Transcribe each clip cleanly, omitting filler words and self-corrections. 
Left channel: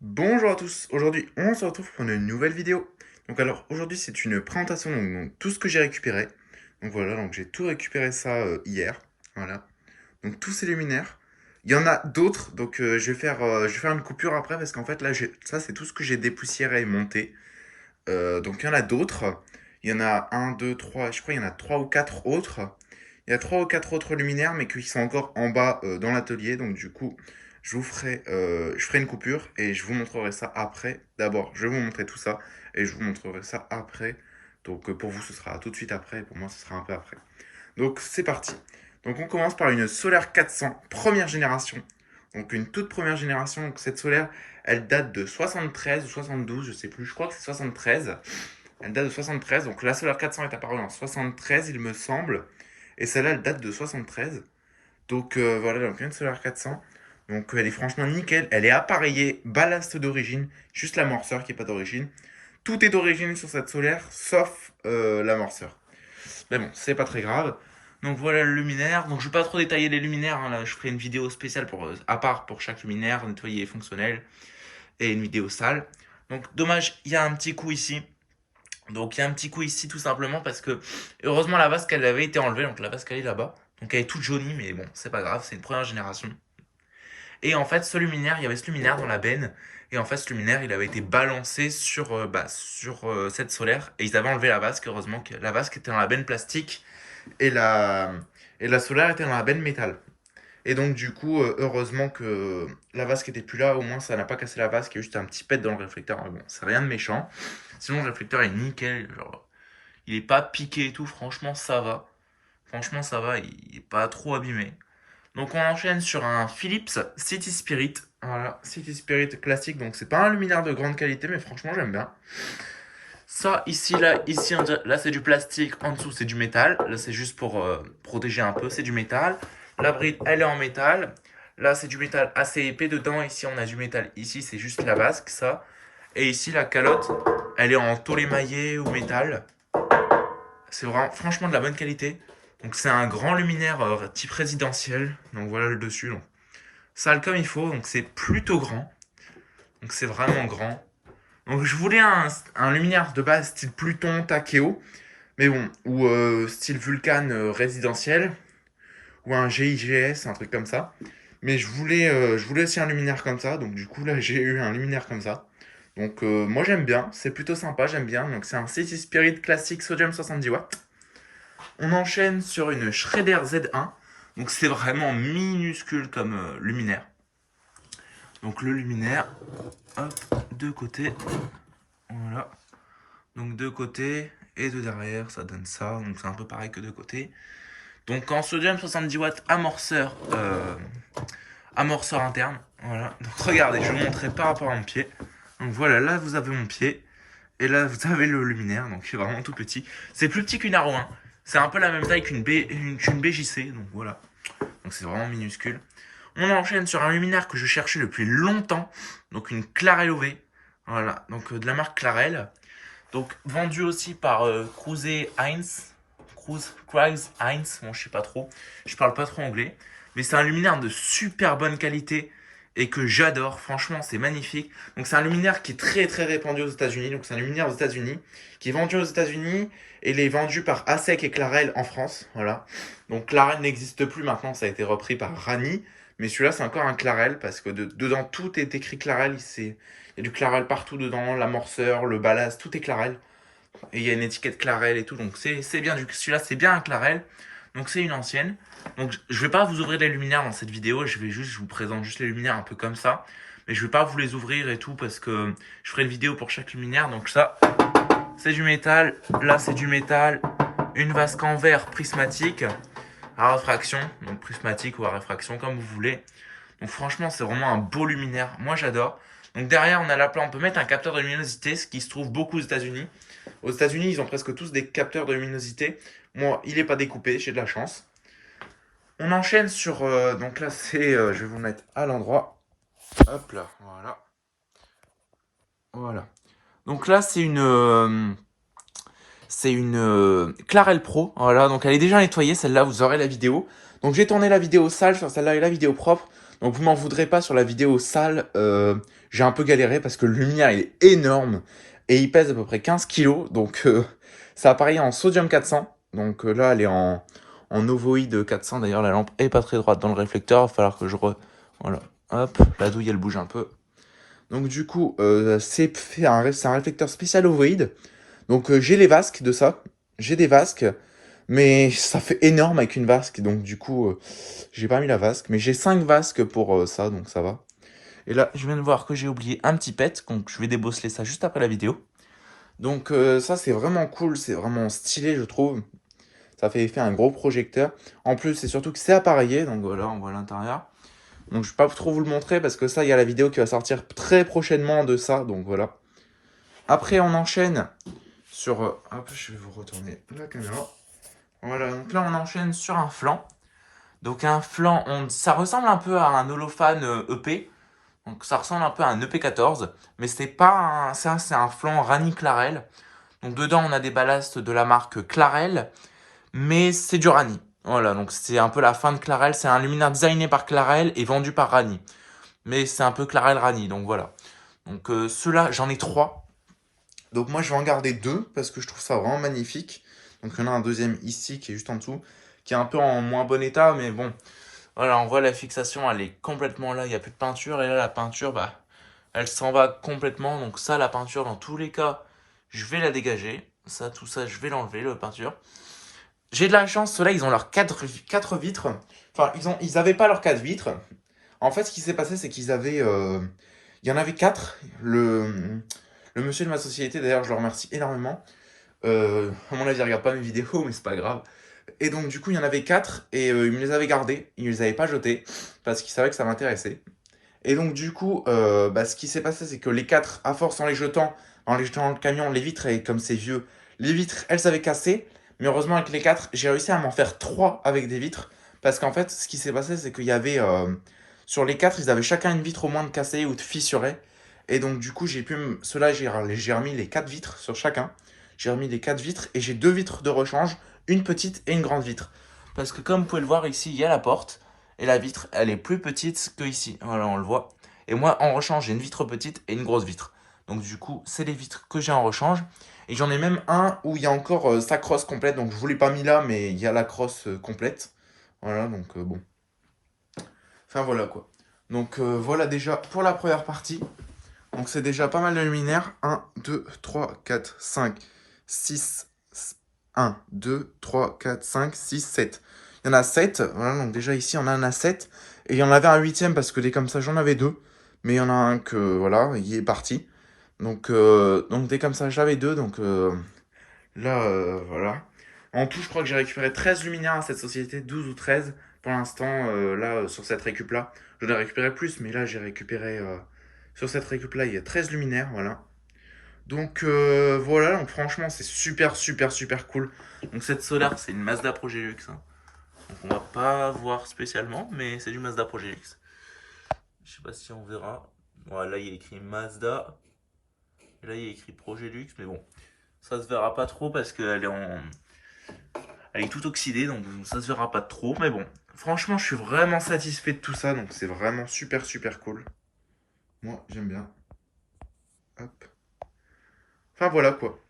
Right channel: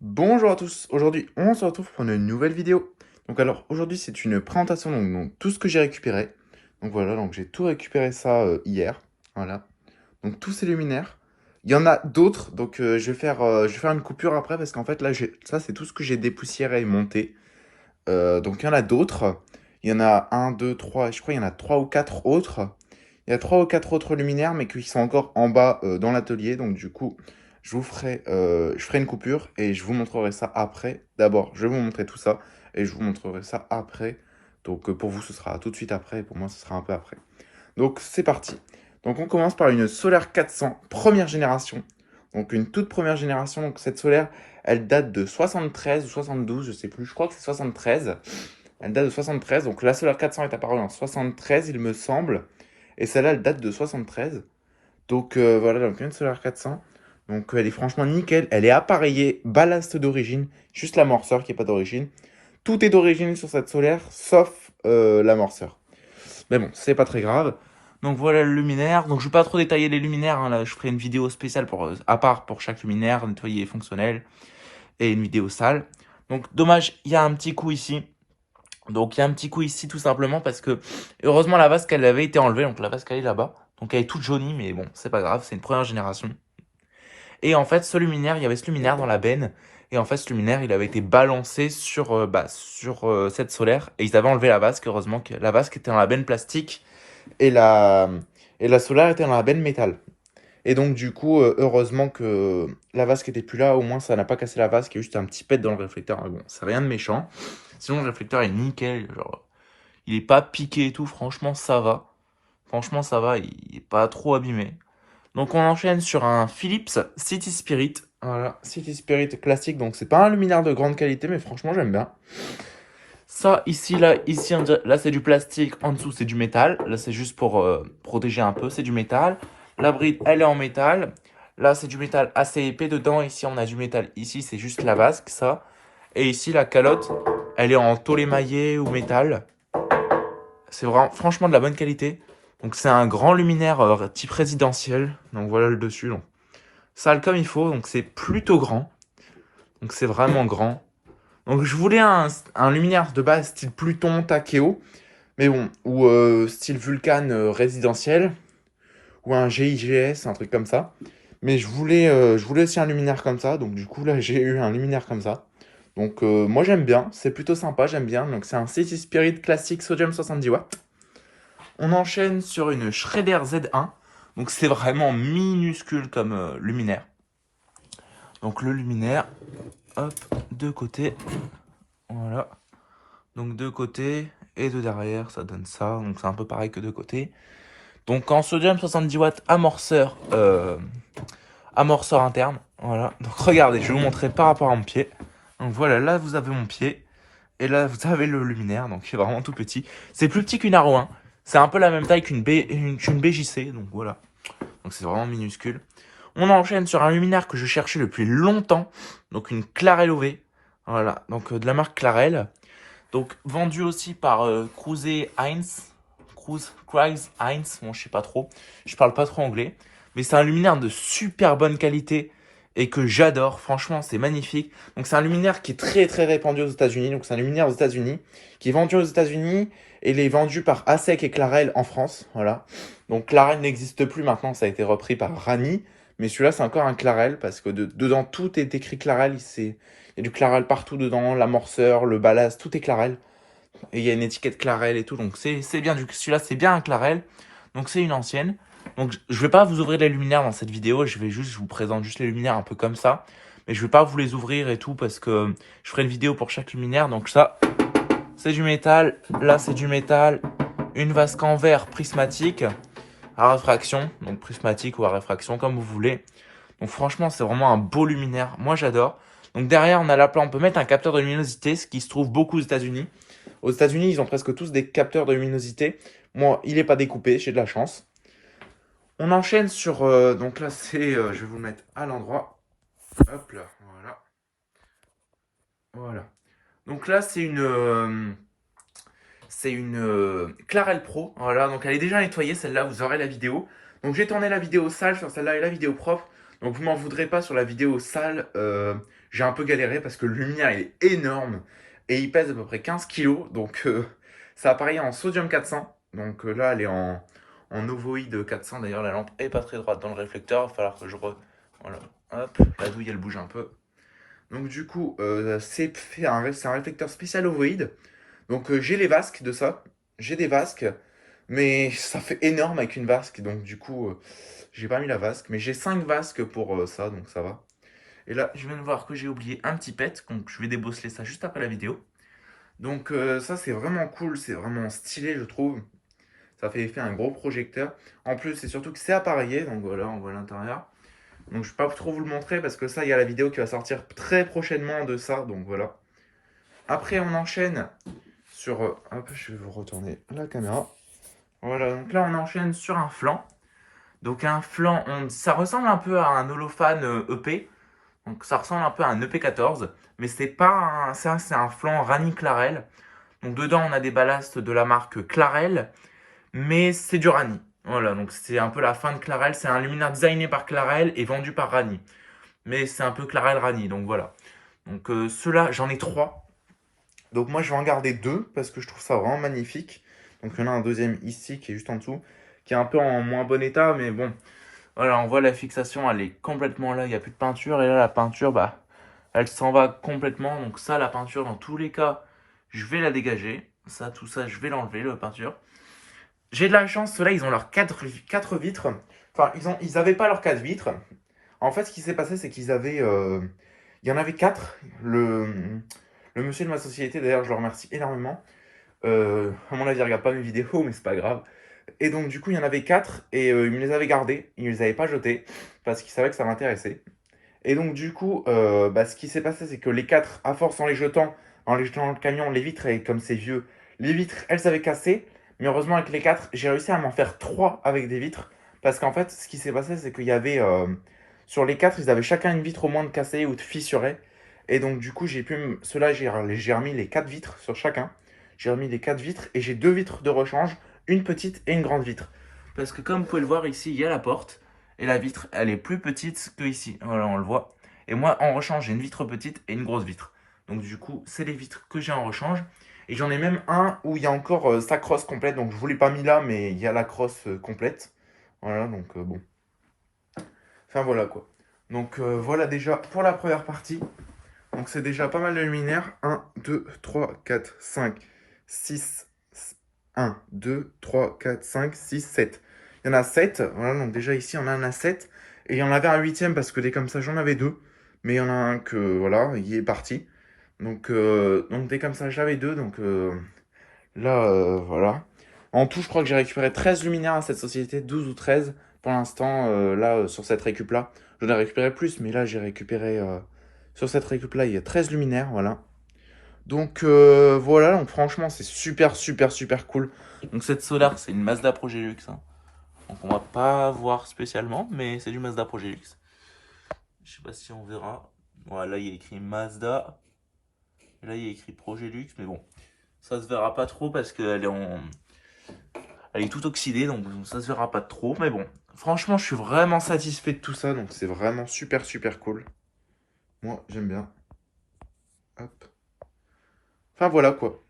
Bonjour à tous, aujourd'hui on se retrouve pour une nouvelle vidéo. Donc alors aujourd'hui c'est une présentation donc tout ce que j'ai récupéré. Donc voilà, donc j'ai tout récupéré ça hier. Voilà. Donc tous ces luminaires. Il y en a d'autres, donc je vais faire une coupure après parce qu'en fait là ça c'est tout ce que j'ai dépoussiéré et monté. Donc il y en a d'autres. Il y en a un, deux, trois, je crois il y en a trois ou quatre autres. Il y a trois ou quatre autres luminaires, mais qui sont encore en bas dans l'atelier. Donc du coup, je ferai une coupure et je vous montrerai ça après. D'abord, je vais vous montrer tout ça et je vous montrerai ça après. Donc pour vous, ce sera tout de suite après. Et pour moi, ce sera un peu après. Donc c'est parti. Donc on commence par une solaire 400, première génération. Donc une toute première génération. Donc cette solaire, elle date de 73 ou 72, je sais plus. Je crois que c'est 73. Elle date de 73. Donc la solaire 400 est apparue en 73, il me semble. Et celle-là, elle date de 73. Donc voilà, donc une solaire 400. Donc elle est franchement nickel. Elle est appareillée ballast d'origine. Juste l'amorceur qui n'est pas d'origine. Tout est d'origine sur cette solaire, sauf l'amorceur. Mais bon, c'est pas très grave. Donc voilà le luminaire. Donc je vais pas trop détailler les luminaires, hein. Là, je ferai une vidéo spéciale à part pour chaque luminaire, nettoyer et fonctionnel. Et une vidéo sale. Donc dommage, il y a un petit coup ici. Donc il y a un petit coup ici tout simplement parce que heureusement la vasque elle avait été enlevée. Donc la vasque elle est là-bas. Donc elle est toute jaunie, mais bon, c'est pas grave, c'est une première génération. Et en fait, ce luminaire, il y avait ce luminaire dans la benne. Et en fait, ce luminaire, il avait été balancé sur cette solaire. Et ils avaient enlevé la vasque. Heureusement que la vasque était dans la benne plastique. Et la solaire était dans la benne métal. Et donc, du coup, heureusement que la vasque était plus là. Au moins, ça n'a pas cassé la vasque. Il y a juste un petit pet dans le réflecteur. Mais bon, c'est rien de méchant. Sinon, le réflecteur est nickel. Genre, il est pas piqué et tout. Franchement, ça va. Franchement, ça va. Il est pas trop abîmé. Donc on enchaîne sur un Philips City Spirit. Voilà, City Spirit classique. Donc c'est pas un luminaire de grande qualité, mais franchement j'aime bien. Ça ici, là c'est du plastique. En dessous c'est du métal. Là c'est juste pour protéger un peu. C'est du métal. La bride elle est en métal. Là c'est du métal assez épais dedans. Ici on a du métal. Ici c'est juste la vasque ça. Et ici la calotte elle est en tôle émaillé ou métal. C'est vraiment franchement de la bonne qualité. Donc c'est un grand luminaire type résidentiel. Donc voilà le dessus. Donc sale comme il faut, donc c'est plutôt grand. Donc c'est vraiment grand. Donc je voulais un luminaire de base style Pluton, Takeo, mais bon, ou style Vulcan résidentiel, ou un GIGS, un truc comme ça. Mais je voulais aussi un luminaire comme ça, donc du coup là j'ai eu un luminaire comme ça. Donc moi j'aime bien, c'est plutôt sympa, j'aime bien. Donc c'est un City Spirit classique sodium 70 watts. On enchaîne sur une Schrader Z1. Donc c'est vraiment minuscule comme luminaire. Donc le luminaire, hop, de côté, voilà. Donc de côté et de derrière, ça donne ça. Donc c'est un peu pareil que de côté. Donc en sodium 70 watts amorceur interne. Voilà. Donc regardez, je vais vous montrer par rapport à mon pied. Donc voilà, là vous avez mon pied. Et là vous avez le luminaire. Donc c'est vraiment tout petit. C'est plus petit qu'une Aro 1. C'est un peu la même taille qu'une BJC. Donc voilà. Donc c'est vraiment minuscule. On enchaîne sur un luminaire que je cherchais depuis longtemps. Donc une Clarel OV. Voilà, donc de la marque Clarel. Donc vendu aussi par Cruise Heinz. Cruise Heinz, bon je sais pas trop. Je parle pas trop anglais. Mais c'est un luminaire de super bonne qualité et que j'adore. Franchement, c'est magnifique. Donc c'est un luminaire qui est très très répandu aux États-Unis. Donc c'est un luminaire aux États-Unis qui est vendu aux États-Unis et il est vendu par ASEC et Clarel en France. Voilà. Donc Clarel n'existe plus maintenant, ça a été repris par Rani. Mais celui-là, c'est encore un Clarel parce que dedans, tout est écrit Clarel. Il y a du Clarel partout dedans, l'amorceur, le ballast, tout est Clarel. Et il y a une étiquette Clarel et tout. Donc c'est bien, celui-là, c'est bien un Clarel. Donc c'est une ancienne. Donc je vais pas vous ouvrir les luminaires dans cette vidéo. Je vous présente juste les luminaires un peu comme ça. Mais je vais pas vous les ouvrir et tout parce que je ferai une vidéo pour chaque luminaire. Donc ça, c'est du métal. Là, c'est du métal. Une vasque en verre prismatique à réfraction, donc prismatique ou à réfraction, comme vous voulez. Donc franchement, c'est vraiment un beau luminaire. Moi, j'adore. Donc derrière, on a la plante. On peut mettre un capteur de luminosité, ce qui se trouve beaucoup aux États-Unis. Aux États-Unis, ils ont presque tous des capteurs de luminosité. Moi, il n'est pas découpé, j'ai de la chance. On enchaîne sur... donc là, c'est... je vais vous le mettre à l'endroit. Hop là, voilà. Voilà. Donc là, c'est une Clarel Pro. Voilà, donc elle est déjà nettoyée, celle-là, vous aurez la vidéo. Donc j'ai tourné la vidéo sale sur celle-là et la vidéo propre. Donc vous m'en voudrez pas sur la vidéo sale. j'ai un peu galéré parce que le luminaire il est énorme et il pèse à peu près 15 kilos. Donc ça apparaît en sodium 400. Donc là elle est en ovoïde 400. D'ailleurs la lampe est pas très droite dans le réflecteur. Il va falloir que je Voilà, hop, la douille elle bouge un peu. Donc du coup c'est un réflecteur spécial ovoïde. Donc j'ai les vasques de ça. J'ai des vasques. Mais ça fait énorme avec une vasque. Donc du coup j'ai pas mis la vasque. Mais j'ai 5 vasques pour ça. Donc ça va. Et là, je viens de voir que j'ai oublié un petit pet, donc je vais débosseler ça juste après la vidéo. Donc ça, c'est vraiment cool, c'est vraiment stylé, je trouve. Ça fait effet un gros projecteur. En plus, c'est surtout que c'est appareillé, donc voilà, on voit l'intérieur. Donc je vais pas trop vous le montrer parce que ça, il y a la vidéo qui va sortir très prochainement de ça, donc voilà. Après, on enchaîne sur... hop, je vais vous retourner la caméra. Voilà, donc là, on enchaîne sur un flanc. Donc un flanc, ça ressemble un peu à un holophane EP. Donc ça ressemble un peu à un EP14, mais c'est pas ça, c'est un flanc Rani Clarel. Donc dedans on a des ballasts de la marque Clarel, mais c'est du Rani. Voilà, donc c'est un peu la fin de Clarel. C'est un luminaire designé par Clarel et vendu par Rani. Mais c'est un peu Clarel Rani, donc voilà. Donc ceux-là, j'en ai 3. Donc moi je vais en garder 2 parce que je trouve ça vraiment magnifique. Donc il y en a un deuxième ici qui est juste en dessous, qui est un peu en moins bon état, mais bon. Voilà, on voit la fixation, elle est complètement là, il n'y a plus de peinture. Et là, la peinture, bah, elle s'en va complètement. Donc ça, la peinture, dans tous les cas, je vais la dégager. Ça, tout ça, je vais l'enlever, la peinture. J'ai de la chance, ceux-là, ils ont leurs 4 vitres. Enfin, ils avaient pas leurs 4 vitres. En fait, ce qui s'est passé, c'est qu'ils avaient... il y en avait 4. Le monsieur de ma société, d'ailleurs, je le remercie énormément. À mon avis, il regarde pas mes vidéos, mais c'est pas grave. Et donc, du coup, il y en avait 4 et il me les avait gardés. Il ne les avait pas jetés parce qu'il savait que ça m'intéressait. Et donc, du coup, ce qui s'est passé, c'est que les 4, à force en les jetant dans le camion, les vitres, et comme c'est vieux, les vitres, elles s'avaient cassé. Mais heureusement, avec les 4, j'ai réussi à m'en faire 3 avec des vitres. Parce qu'en fait, ce qui s'est passé, c'est qu'il y avait. Sur les 4, ils avaient chacun une vitre au moins de cassée ou de fissurée. Et donc, du coup, ceux-là, j'ai remis les 4 vitres sur chacun. J'ai remis les 4 vitres et j'ai 2 vitres de rechange, une petite et une grande vitre. Parce que comme vous pouvez le voir ici, il y a la porte. Et la vitre, elle est plus petite que ici. Voilà, on le voit. Et moi, en rechange, j'ai une vitre petite et une grosse vitre. Donc du coup, c'est les vitres que j'ai en rechange. Et j'en ai même un où il y a encore sa crosse complète. Donc je ne vous l'ai pas mis là, mais il y a la crosse complète. Voilà, donc bon. Enfin voilà quoi. Donc voilà déjà pour la première partie. Donc c'est déjà pas mal de luminaires. 1, 2, 3, 4, 5, 6, 1, 2, 3, 4, 5, 6, 7. Il y en a 7. Voilà, donc déjà ici, on en a 7. Et il y en avait un huitième parce que des comme ça, j'en avais 2. Mais il y en a un que, voilà, il est parti. Donc des comme ça, j'avais 2. Donc là, voilà. En tout, je crois que j'ai récupéré 13 luminaires à cette société, 12 ou 13 pour l'instant, sur cette récup-là. J'en ai récupéré plus, mais là, j'ai récupéré, sur cette récup-là, il y a 13 luminaires, voilà. Donc voilà, donc franchement c'est super super super cool. Donc cette Solar c'est une Mazda Progélux. Hein. Donc on va pas voir spécialement, mais c'est du Mazda Progélux. Je sais pas si on verra. Voilà, là il y a écrit Mazda. Et là il y a écrit Progélux, mais bon, ça se verra pas trop parce qu'elle est elle est toute oxydée, donc ça se verra pas trop. Mais bon, franchement je suis vraiment satisfait de tout ça, donc c'est vraiment super super cool. Moi j'aime bien. Hop. Enfin voilà quoi.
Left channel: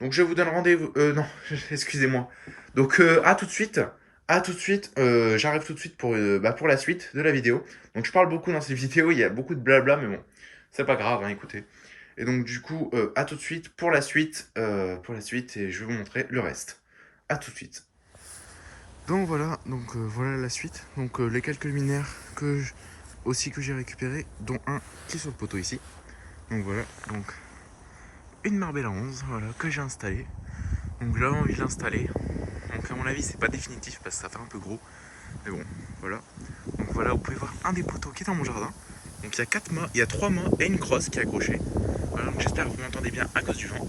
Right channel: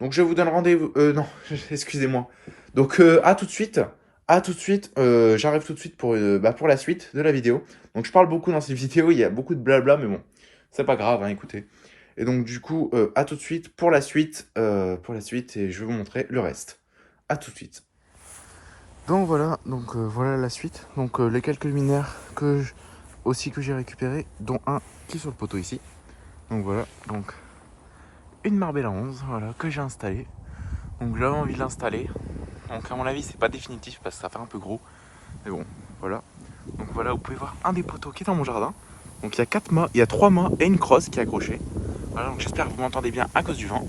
Donc je vous donne rendez-vous. Non, excusez-moi. Donc à tout de suite. À tout de suite. J'arrive tout de suite pour la suite de la vidéo. Donc je parle beaucoup dans ces vidéos. Il y a beaucoup de blabla, mais bon, c'est pas grave. Hein, écoutez. Et donc du coup, à tout de suite pour la suite. Et je vais vous montrer le reste. À tout de suite. Donc voilà. Donc voilà la suite. Donc les quelques luminaires aussi que j'ai récupérés, dont un qui est sur le poteau ici. Donc voilà. Donc une Marbella 11, voilà, que j'ai installée. Donc j'avais envie de l'installer. Donc à mon avis c'est pas définitif parce que ça fait un peu gros. Mais bon, voilà. Donc voilà, vous pouvez voir un des poteaux qui est dans mon jardin. Donc il y a 4 mâts, il y a 3 mâts et une crosse qui est accrochée. Voilà, donc j'espère que vous m'entendez bien à cause du vent.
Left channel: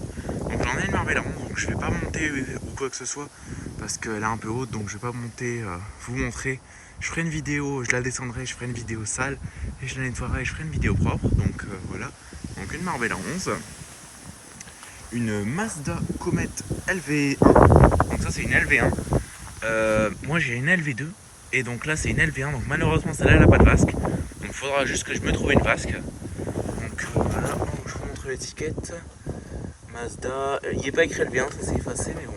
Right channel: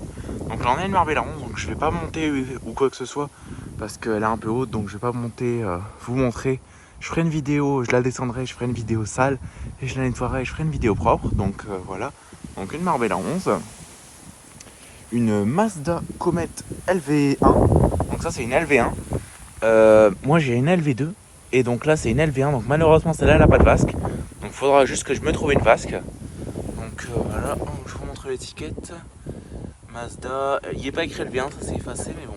Donc là on a une Marbella 11, donc je vais pas monter ou quoi que ce soit parce qu'elle est un peu haute, donc je vais pas monter, vous montrer. Je ferai une vidéo, je la descendrai, je ferai une vidéo sale et je la nettoierai et je ferai une vidéo propre. Donc voilà. Donc une Marbella 11. Une Mazda Comet LV1. Donc ça c'est une LV1. Moi j'ai une LV2. Et donc là c'est une LV1. Donc malheureusement celle-là elle n'a pas de vasque. Donc il faudra juste que je me trouve une vasque. Donc voilà, je vous montre l'étiquette. Mazda, il n'est pas écrit L1, ça s'est effacé, mais bon.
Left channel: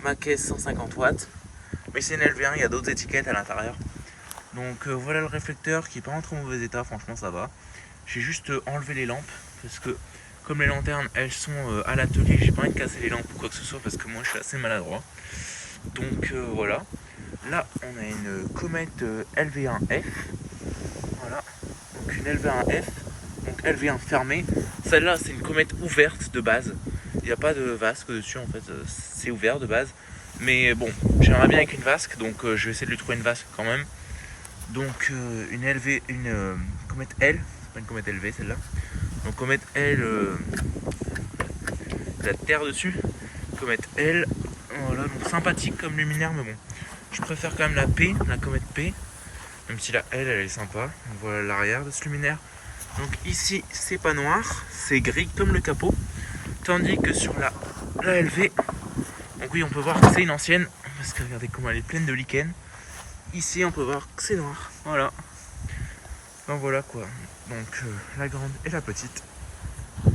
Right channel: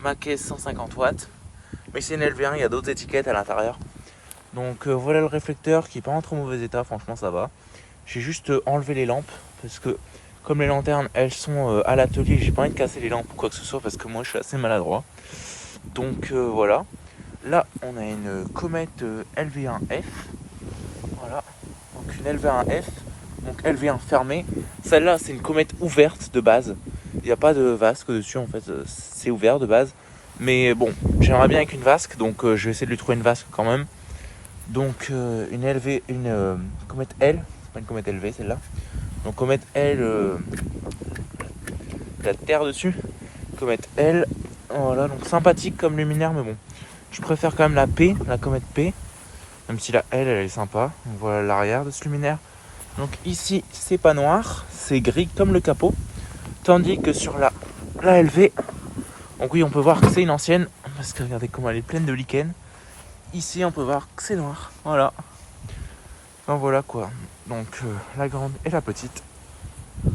Ma caisse 150 watts. Mais c'est une L1, il y a d'autres étiquettes à l'intérieur. Donc voilà le réflecteur qui n'est pas en très mauvais état, franchement ça va. J'ai juste enlevé les lampes parce que comme les lanternes elles sont à l'atelier, j'ai pas envie de casser les lampes ou quoi que ce soit parce que moi je suis assez maladroit. Donc voilà. Là on a une comète LV1F. Voilà. Donc une LV1F. Donc LV1 fermée. Celle-là c'est une comète ouverte de base. Il n'y a pas de vasque dessus en fait. C'est ouvert de base. Mais bon, j'aimerais bien avec une vasque, donc je vais essayer de lui trouver une vasque quand même. Donc une LV, une comète L, c'est pas une comète LV celle-là. Donc comète L, la terre dessus. Comète L, voilà, donc sympathique comme luminaire, mais bon. Je préfère quand même la P, la comète P. Même si la L, elle est sympa. On voit l'arrière de ce luminaire. Donc ici, c'est pas noir, c'est gris comme le capot. Tandis que sur la LV, donc oui, on peut voir que c'est une ancienne, parce que regardez comment elle est pleine de lichen. Ici, on peut voir que c'est noir, voilà. Enfin voilà quoi. Donc la grande et la petite.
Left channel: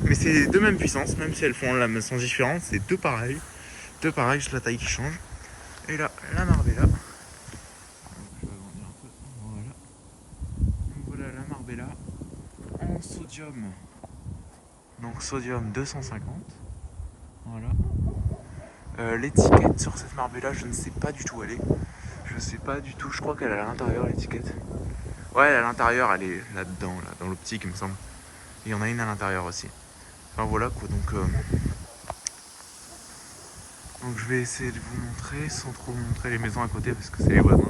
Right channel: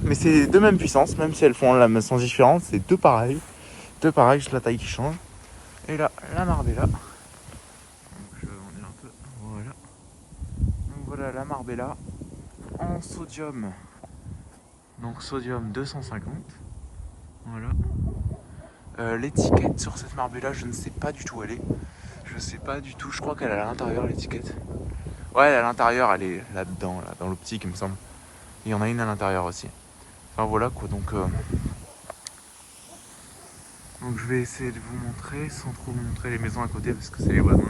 Mais c'est deux mêmes puissances, même si elles font la même sens différente, c'est deux pareils. Deux pareils, c'est la taille qui change. Et là, la Marbella. Donc, je vais vous dire un peu. Voilà. Donc voilà la Marbella en sodium. Donc sodium 250. Voilà. L'étiquette sur cette Marbella, je ne sais pas du tout où elle est. Je sais pas du tout, je crois qu'elle est à l'intérieur l'étiquette. Ouais, à l'intérieur, elle est là-dedans, là, dans l'optique, il me semble. Il y en a une à l'intérieur aussi. Enfin voilà quoi, donc je vais essayer de vous montrer sans trop vous montrer les maisons à côté parce que c'est les voisins.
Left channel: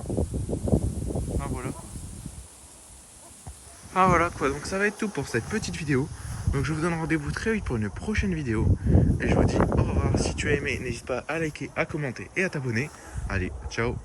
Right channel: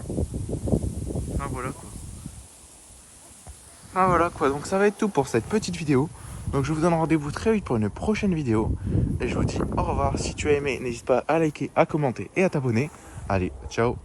Enfin voilà quoi, donc ça va être tout pour cette petite vidéo. Donc je vous donne rendez-vous très vite pour une prochaine vidéo. Et je vous dis au revoir. Si tu as aimé, n'hésite pas à liker, à commenter et à t'abonner. Allez, ciao.